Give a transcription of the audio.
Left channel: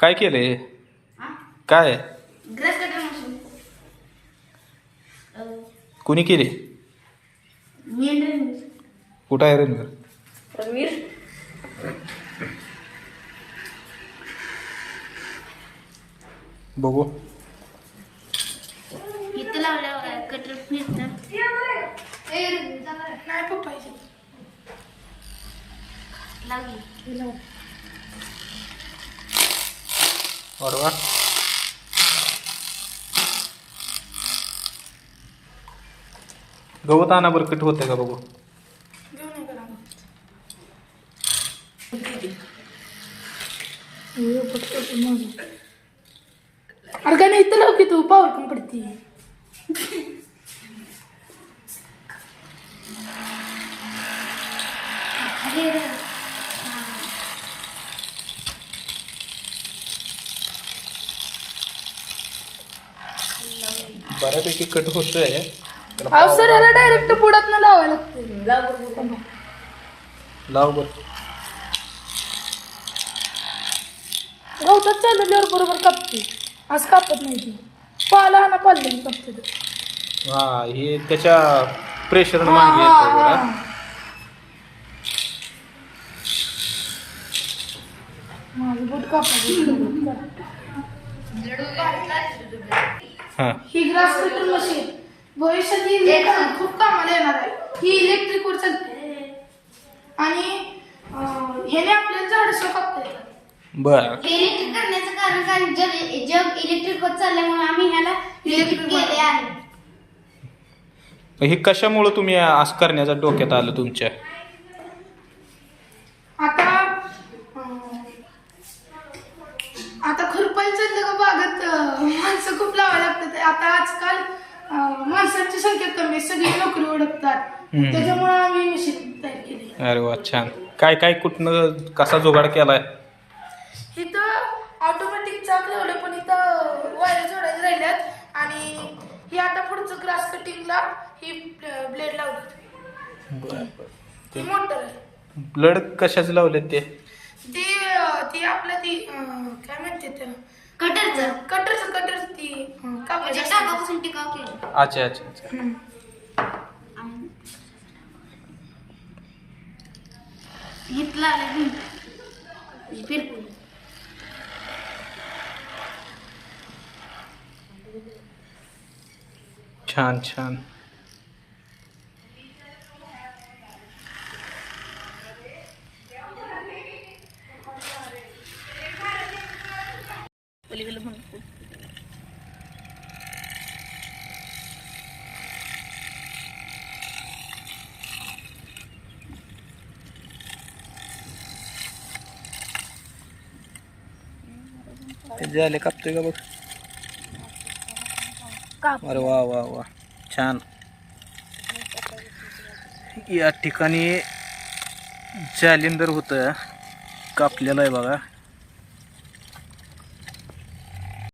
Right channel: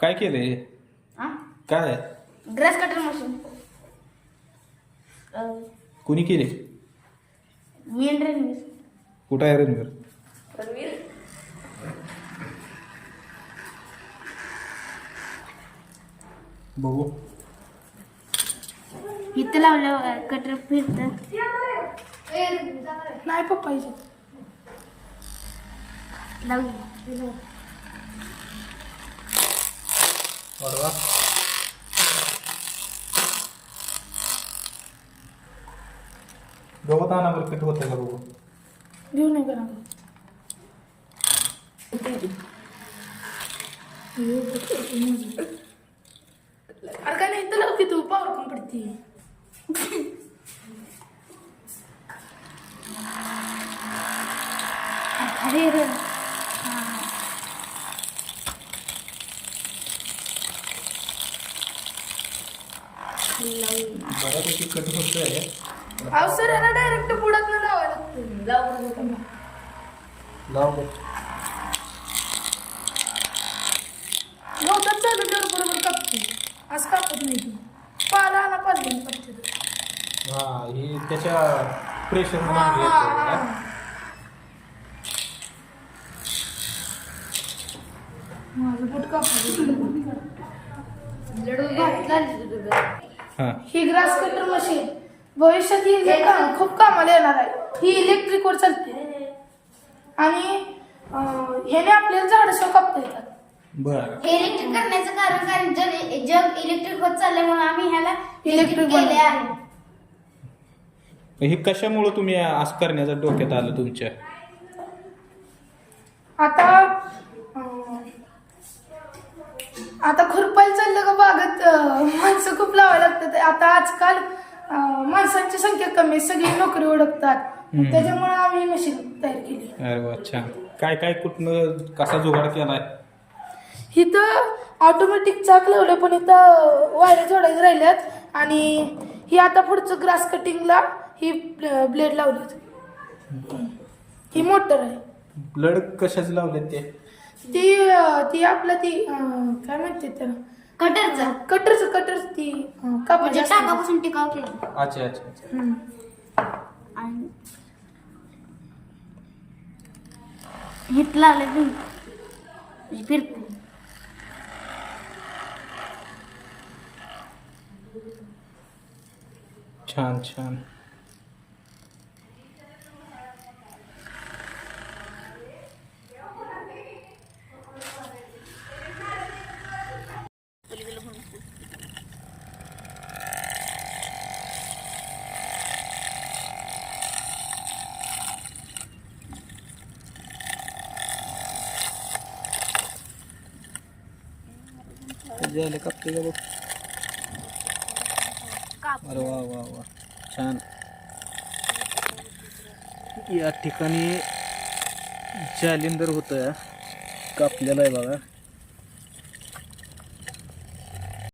काय केलंय हा काय? ड्रेस कटर मशीन कुणी केले? मी आणि रणवीर. कुठं आहे रणवीर? रणवीर. बघू. इथं लावलं कटर फिरतं नाही पप्पा. लावली बरोबर. गवत आणा बरं कट होतंय का बघू? घेऊन ये करा अरे काय नाही इथं की तू पावर कम पडती. अरे रे. बऱ्यापैकी कट होतोय. सर याला डायरेक्ट बुडात न लावायला लागतं लाव बरं. गवतात बरोबर कापते. आज कापत नाही ती. पाला ना पाल्याने कापते ते. हा हे त्याच्या प्रेशरनं मागे येतं जरा. माझं बुट कापा हा. ही ग्रास कटर मशीन भविष्यात ही काम- खूप कामाला येणार आहे. ही इलेक्ट्रिकवर चालते. आणि अं, ह्याने आपल्याला झाडं येतात. बर. हे इलेक्ट्रिक करण्याचं कारण कारण जग जग इलेक्ट्रिक होत चालल्यामुळे आम्ही ह्याला इलेक्ट्रिक केले आहे हे कशामुळं तुम्ही असं करण्याचं डोक्यात आलं तुमच्या आता अं, आता खुरपायला चाललं का बागत माणसं खूप लावायला लागतात. आता आजकाल माणसांची संख्या कमी सगळी नोकरी ओळखतात हम्म. त्याच्यामुळे आम्ही मशीन तयार केली. अरे वा छान. काय काय कुठनं कसा जुगाड केलाय? इथं ऑटोमॅटिक चाक लावलं पण इथं वायऱ्या जोडायच्या राहिल्यात. आणि ही आता पुढचं ग्रास कटिंगला ही ब्लेड लावली. ही मोटर आहे. ब्लड कशाच लावले ते? ती ती आपलं ती अं, काय म्हणते त्याला कटरचं. कटरचं कटर ती अं, म्हणजे असते. टाकापासून टिकाव केलं. अच्छा अच्छा अच्छा. हम्म. आणि की छान छान. झाले कापतोय का बघ? अरे वा वा वा. छान. या ठिकाणी जालिंदर होतं. कापलेलं आहे बघा.